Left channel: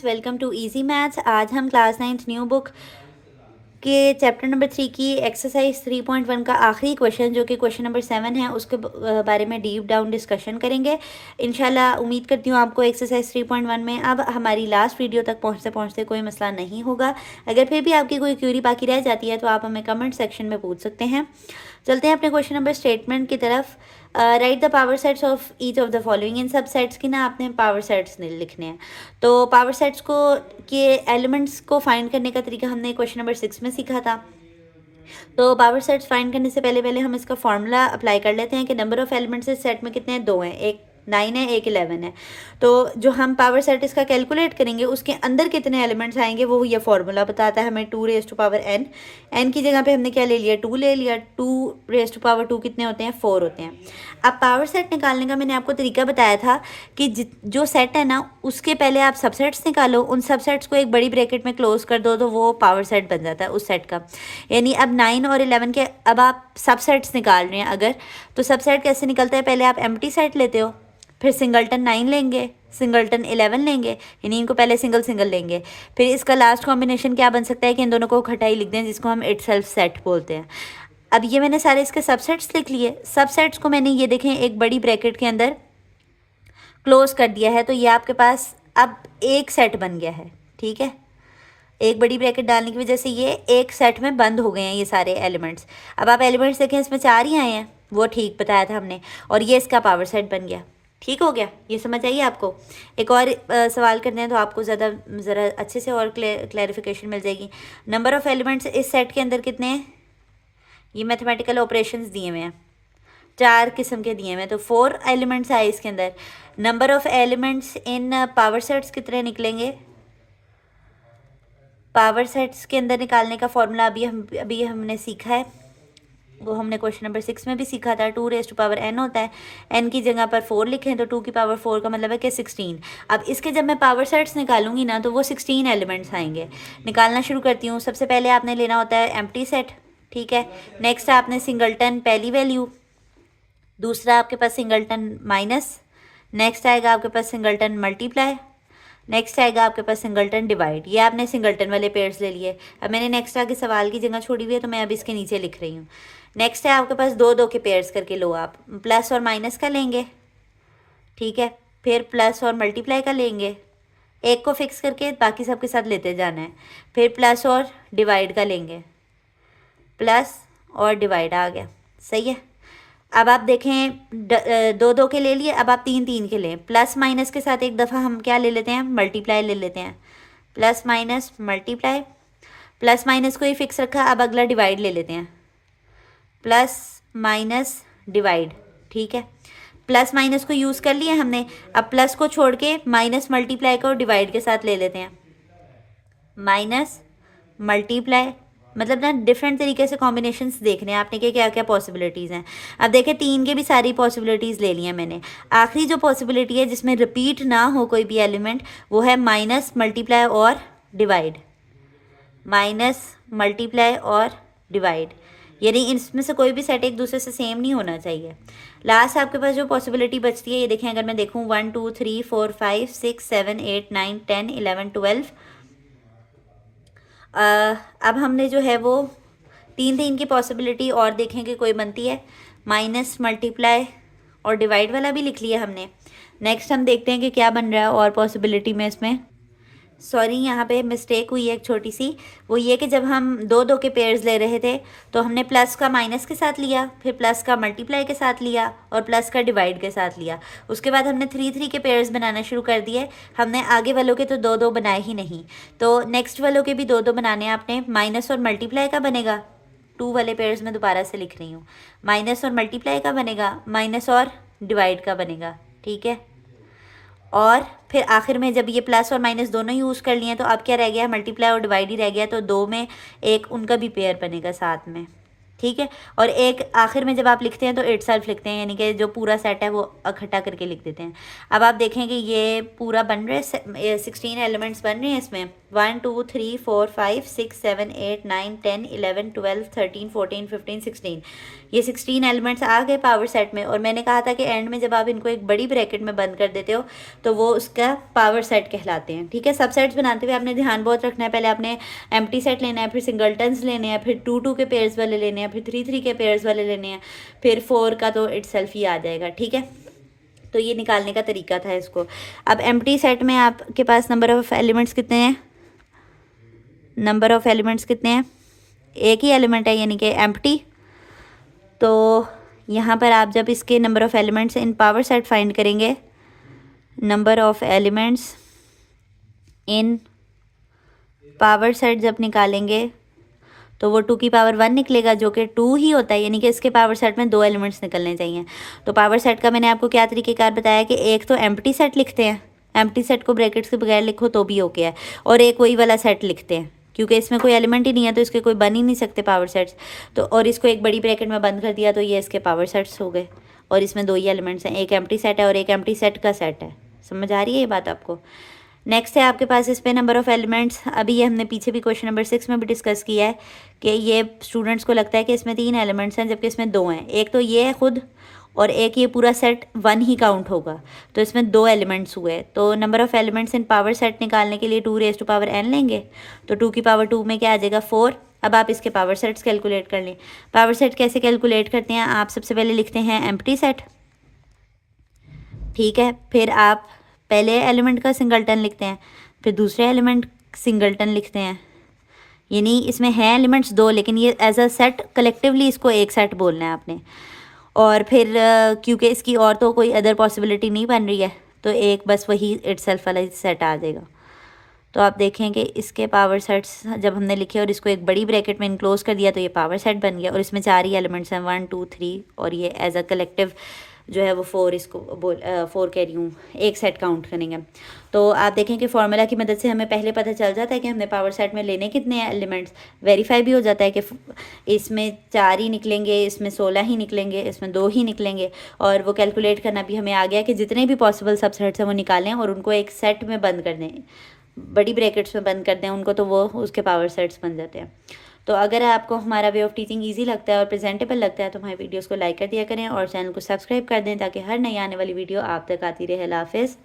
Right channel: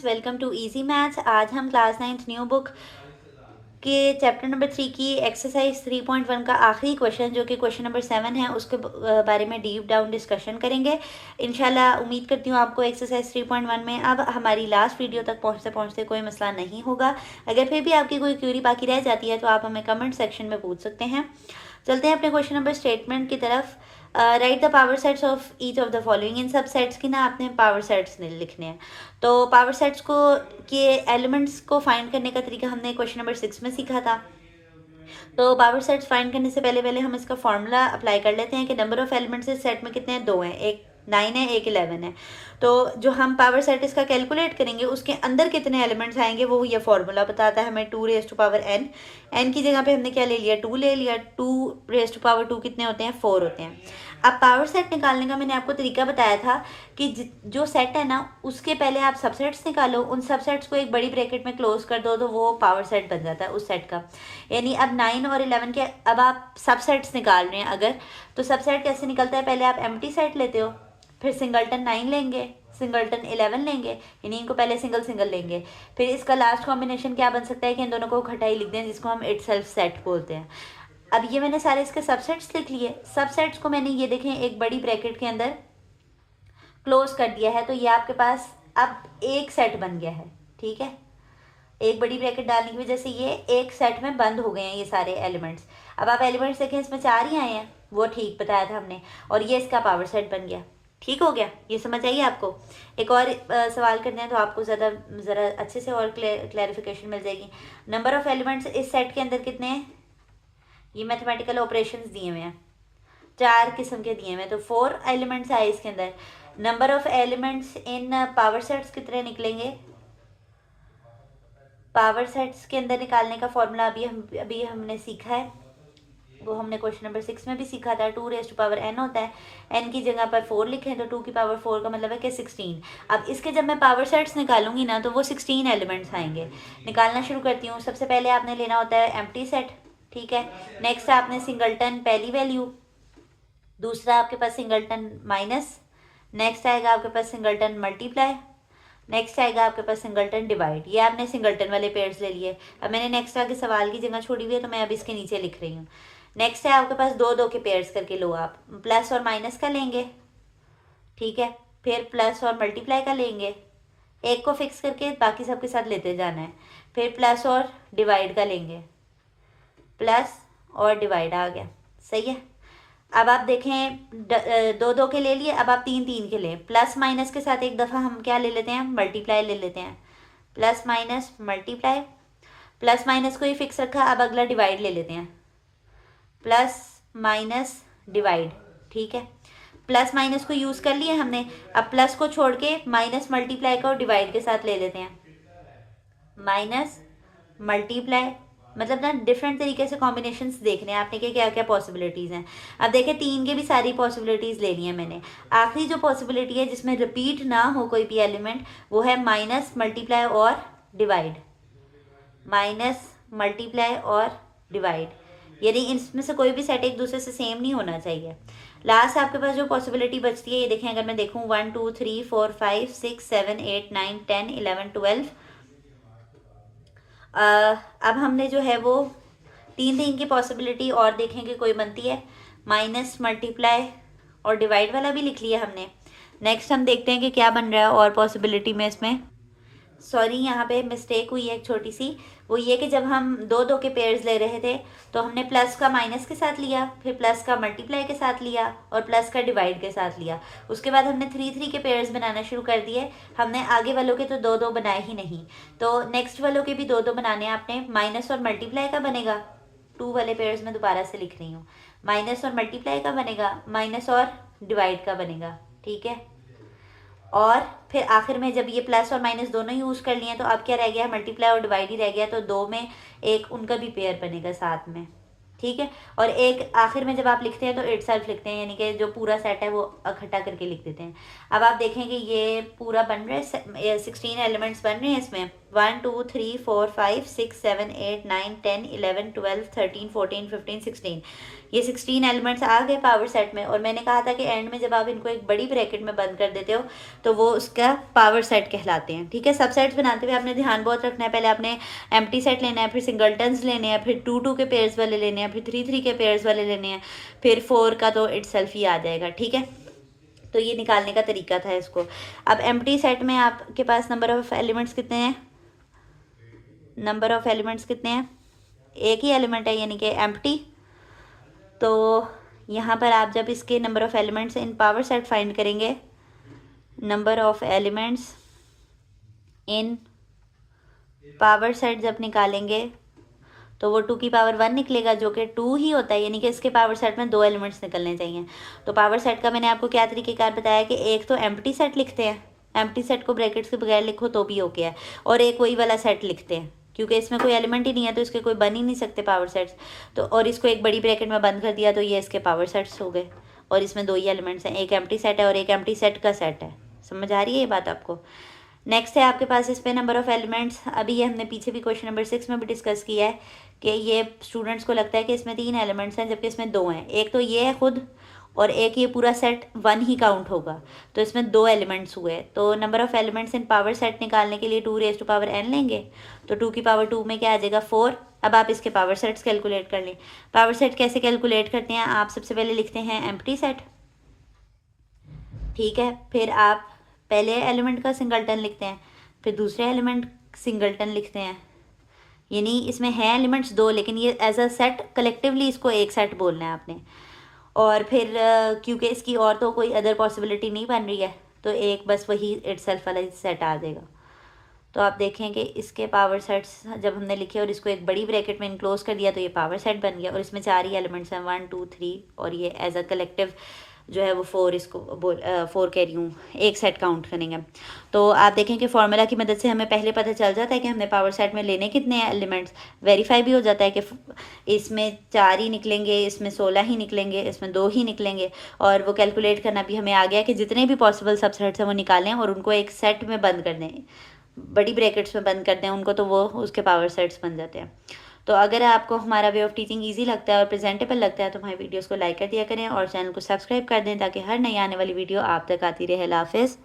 Students, welcome to easy maths. आज हम class 9th new book के चैप्टर नंबर 3 की एक्सरसाइज 3.1 का आखिरी क्वेश्चन जो कि क्वेश्चन नंबर 7 है उसके बारे में डीप डाउन डिस्कशन करेंगे। इंशाल्लाह उम्मीद करती हूँ आपको एक्सरसाइज 3.1 में अब हमारी लास्ट वीडियो तक पहुँचते पहुँचते कोई मसला नहीं होगा। अगर फिर भी आपकी कोई क्यूरी बाकी रह जाती है तो आप हमें कमेंट सेक्शन में पूछ सकते हैं। चलते हैं अपने क्वेश्चन नंबर स्टेटमेंट की तरफ। Write the power sets of each of the following. इन सब सेट्स की ना आपने पावर सेट्स लिखने हैं। तो पावर सेट्स को के एलिमेंट्स को फाइंड करने का तरीका हमने क्वेश्चन नंबर 6 में सीखा था। तो पावर सेट्स फाइंड करने से पहले पहले हम इसका फॉर्मूला अप्लाई कर लेते हैं कि नंबर ऑफ एलिमेंट्स इस सेट में कितने हैं, 2 हैं, एक 9 है, एक 11 है। तो जो हम पावर सेट इसका कैलकुलेट करेंगे उसके अंदर कितने एलिमेंट्स आएंगे वो ये फॉर्मूला बताता है हमें। 2 raise to power n, n की जगह पे हमने क्या ले लिया, 2 ले लिया। 2 रेज टू पावर 2 कितने होते हैं, 4 होते हैं। अब पावर सेट निकालने का मैंने आपको तरीका बताया था कि जो सेट है ना उसके पहले आप सबसेट्स निकालो, उन सबसेट्स को एक बड़ी ब्रैकेट में क्लोज कर दो तो वो पावर सेट बन जाता है उस सेट का। यानी अब 9 और 11 के अब आप सबसेट्स निकाल रहे हैं अगर, तो सबसेट कैसे निकलता है, पहले आप एम्प्टी सेट लेते हो, फिर सिंगलटन 9 लेंगे, सिंगलटन 11 लेंगे, यानी इनको पहले सिंगल सिंगल लेंगे। फिर इसका लास्ट कॉम्बिनेशन क्या बन सकता है कि इन दोनों को इकट्ठा ही लिख दें, जिसको हम इटसेल्फ सेट बोलते हैं। अब ये मैंने सारे इसके सबसेट्स लिख लिए। सबसेट्स को मैंने ये देखें एक बड़ी ब्रैकेट के अंदर क्लोज कर दिया है, तो ये आपके पास अब एक सेट बन गया है। ठीक है, एक बड़ी ब्रैकेट डालने की वजह से ये एक सेट में बंद हो गए हैं ये सारे एलिमेंट्स। अब आप एलिमेंट्स देखें, इसमें 4 ही आए हैं, वो ठीक बताया था हमने, और ये इसका पावर सेट बन गया। ठीक हो गया, ये समझ आइए आपको। एक और सवाल करते हैं तो आपको ज़रा अच्छे से और क्लैरिफिकेशन मिल जाएगी। नंबर ऑफ एलिमेंट्स इस सेट के अंदर कितने हैं, ये मैथमेटिकल ऑपरेशंस दिए हुए हैं, 4 किस्म के दिए हुए हैं, तो 4 एलिमेंट्स आए इसके अंदर। Number of elements in power sets कितने निकलेंगे, पावर सेट्स के अंदर निकालने का फॉर्मूला अभी हमने सीखा है, वो हमने क्वेश्चन नंबर 6 में भी सीखा था। 2 रेज टू पावर n होता है, n की जगह पर 4 लिखें तो 2 की पावर 4 का मतलब है कि 16। अब इसके जब मैं पावर सेट्स निकालूंगी ना तो वो 16 एलिमेंट्स आएंगे। निकालना शुरू करती हूँ। सबसे पहले आपने लेना होता है एम्प्टी सेट, ठीक है। नेक्स्ट आपने सिंगलटन पहली वैल्यू, दूसरा आपके पास सिंगलटन माइनस, नेक्स्ट आएगा आपके पास सिंगलटन मल्टीप्लाई, नेक्स्ट आएगा आपके पास सिंगलटन डिवाइड। ये आपने सिंगलटन वाले पेयर्स ले लिए। अब मैंने नेक्स्ट आगे सवाल की जगह छोड़ी हुई है तो मैं अब इसके नीचे लिख रही हूँ। नेक्स्ट है आपके पास 2 2 के पेयर्स करके लो, आप प्लस और माइनस का लेंगे, ठीक है। फिर प्लस और मल्टीप्लाई का लेंगे, एक को फिक्स करके बाकी सबके साथ लेते जाना है। फिर प्लस और डिवाइड का लेंगे, प्लस और डिवाइड आ गया, सही है। अब आप देखें 2 2 के ले लिए, अब आप 3 3 के लें। प्लस माइनस के साथ एक दफ़ा हम क्या ले लेते हैं, मल्टीप्लाई ले लेते हैं, plus minus multiply. Plus minus को ही फिक्स रखा, अब अगला डिवाइड ले लेते हैं, प्लस माइनस डिवाइड, ठीक है। प्लस माइनस को यूज़ कर लिया हमने, अब प्लस को छोड़ के माइनस मल्टीप्लाई को डिवाइड के साथ ले लेते हैं, माइनस मल्टीप्लाई। मतलब ना डिफरेंट तरीके से कॉम्बिनेशंस देखने हैं आपने कि क्या क्या पॉसिबिलिटीज़ हैं। अब देखें 3 के भी सारी पॉसिबिलिटीज़ ले ली हैं मैंने। आखिरी जो पॉसिबिलिटी है जिसमें रिपीट ना हो कोई भी एलिमेंट वो है माइनस मल्टीप्लाई और डिवाइड, माइनस मल्टीप्लाई और डिवाइड, यानी इसमें से कोई भी सेट एक दूसरे से सेम नहीं होना चाहिए। लास्ट आपके पास जो पॉसिबिलिटी बचती है ये देखें, अगर मैं देखूँ 1 2 3 4 5 6 7 8 9 10 11 12। अब हमने जो है वो 3 3 की पॉसिबिलिटी और देखेंगे कोई बनती है, माइनस मल्टीप्लाई और डिवाइड वाला भी लिख लिया हमने। नेक्स्ट हम देखते हैं कि क्या बन रहा है और पॉसिबिलिटी में इसमें। सॉरी, यहाँ पे मिस्टेक हुई है एक छोटी सी, वो ये कि जब हम 2 2 के पेयर्स ले रहे थे तो हमने प्लस का माइनस के साथ लिया, फिर प्लस का मल्टीप्लाई के साथ लिया और प्लस का डिवाइड के साथ लिया। उसके बाद हमने 3 3 के पेयर्स बनाना शुरू कर दिए। हमने आगे वालों के तो 2 2 बनाए ही नहीं, तो नेक्स्ट वालों के भी 2 2 बनाने हैं आपने। माइनस और मल्टीप्लाई का बनेगा, 2 वाले पेयर्स में दोबारा से लिख रही हूँ, माइनस और मल्टीप्लाई का बनेगा, माइनस और डिवाइड का बनेगा, ठीक है। और फिर आखिर में जब ये प्लस और माइनस दोनों यूज़ कर लिए तो अब क्या रह गया, मल्टीप्लाई और डिवाइड ही रह गया, तो 2 में एक उनका भी पेयर बनेगा साथ में, ठीक है। और एक आखिर में जब आप लिखते हैं तो इटसेल्फ लिखते हैं, यानी कि जो पूरा सेट है वो इकट्ठा करके लिख देते हैं। अब आप देखें कि ये पूरा बन रहा है, 16 एलिमेंट्स बन रहे हैं इसमें। 1 2 3 4 5 6 7 8 9 10 11 12 13 14 15 16, ये 16 एलिमेंट्स आ गए पावर सेट में। और मैंने कहा था कि एंड में जब आप इनको एक बड़ी ब्रैकेट में बंद कर देते हो तो वो उसका पावर सेट कहलाते हैं। ठीक है, सब सेट्स बनाते हुए आपने ध्यान बहुत रखना है, पहले आपने एम्प्टी सेट लेना है, फिर सिंगलटन्स लेने हैं, फिर 2 2 के पेयर्स वाले लेने हैं, फिर 3 3 के पेयर्स वाले लेने हैं, फिर 4 का तो इटसेल्फ ही आ जाएगा। ठीक है, तो ये निकालने का तरीका था इसको। अब एम्प्टी सेट में आपके पास नंबर ऑफ एलिमेंट्स कितने हैं? नंबर ऑफ एलिमेंट्स कितने हैं? एक ही एलिमेंट है, यानी कि एम्प्टी। तो यहाँ पर आप जब इसके number of elements in power set find करेंगे, number of elements in power set जब निकालेंगे तो वो 2 की पावर 1 निकलेगा, जो कि 2 ही होता है, यानी कि इसके पावर सेट में 2 एलिमेंट्स निकलने चाहिए। तो पावर सेट का मैंने आपको क्या तरीकेकार बताया कि एक तो एम्प्टी सेट लिखते हैं, एम्प्टी सेट को ब्रैकेट्स के बगैर लिखो तो भी ओके है, और एक वही वाला सेट लिखते हैं, क्योंकि इसमें कोई एलिमेंट ही नहीं है तो इसके कोई बन ही नहीं सकते पावर सेट्स। तो और इसको एक बड़ी ब्रैकेट में बंद कर दिया तो ये इसके पावर सेट्स हो गए, और इसमें 2 ही एलिमेंट्स हैं, एक एम्प्टी सेट है और एक एम्प्टी सेट का सेट है। समझ आ रही है ये बात आपको? नेक्स्ट है आपके पास इस पे नंबर ऑफ एलिमेंट्स। अभी ये हमने पीछे भी क्वेश्चन नंबर 6 में भी डिस्कस किया है कि ये स्टूडेंट्स को लगता है कि इसमें 3 एलिमेंट्स हैं जबकि इसमें 2 हैं। एक तो ये है खुद, और एक ये पूरा सेट 1 ही काउंट होगा, तो इसमें 2 एलिमेंट्स हुए। तो number of elements in power set निकालने के लिए 2 रेज़ टू पावर n लेंगे, तो 2 की पावर 2 में क्या आ जाएगा? 4। अब आप इसके पावर सेट्स कैलकुलेट कर लें। पावर सेट कैसे कैलकुलेट करते हैं? आप सबसे पहले लिखते हैं एम्प्टी सेट, ठीक है, फिर आप पहले एलिमेंट का सिंगलटन लिखते हैं, फिर दूसरे एलिमेंट सिंगलटन लिखते हैं, यानी इसमें है एलिमेंट्स 2 लेकिन ये एज अ सेट कलेक्टिवली इसको एक सेट बोलना है आपने। और फिर क्योंकि इसकी और तो कोई अदर पॉसिबिलिटी नहीं बन रही है तो एक बस वही इटसेल्फ वाला सेट आ जाएगा। तो आप देखें कि इसके पावर सेट्स जब हमने लिखे और इसको एक बड़ी ब्रैकेट में इनक्लोज कर दिया तो ये पावर सेट बन गया, और इसमें 4 ही एलिमेंट्स हैं, 1 2 3, और ये एज अ कलेक्टिव जो है वो 4, इसको 4 कह रही हूँ, एक सेट काउंट करेंगे। तो आप देखें कि फार्मूला की मदद से हमें पहले पता चल जाता है कि हमने पावर सेट में लेने कितने हैं एलिमेंट्स। वेरीफाई भी हो जाता है कि इसमें 4 ही निकलेंगे, इसमें 16 ही निकलेंगे, इसमें 2 ही निकलेंगे, और वो कैलकुलेट करना भी हमें आ गया कि जितने भी पॉसिबल सबसेट्स हैं वो निकालें और उनको एक सेट में बंद कर दें, बड़ी ब्रैकेट्स में बंद कर दें उनको, तो वो उसके पावर सेट्स बन जाते हैं। तो अगर आपको हमारा वे ऑफ टीचिंग इजी लगता है और प्रेजेंटेबल लगता है तो हमारी वीडियोस को लाइक कर दिया करें और चैनल को सब्सक्राइब कर दें ताकि हर नई आने वाली वीडियो आप तक आती रहे। अल्लाह हाफ़िज़।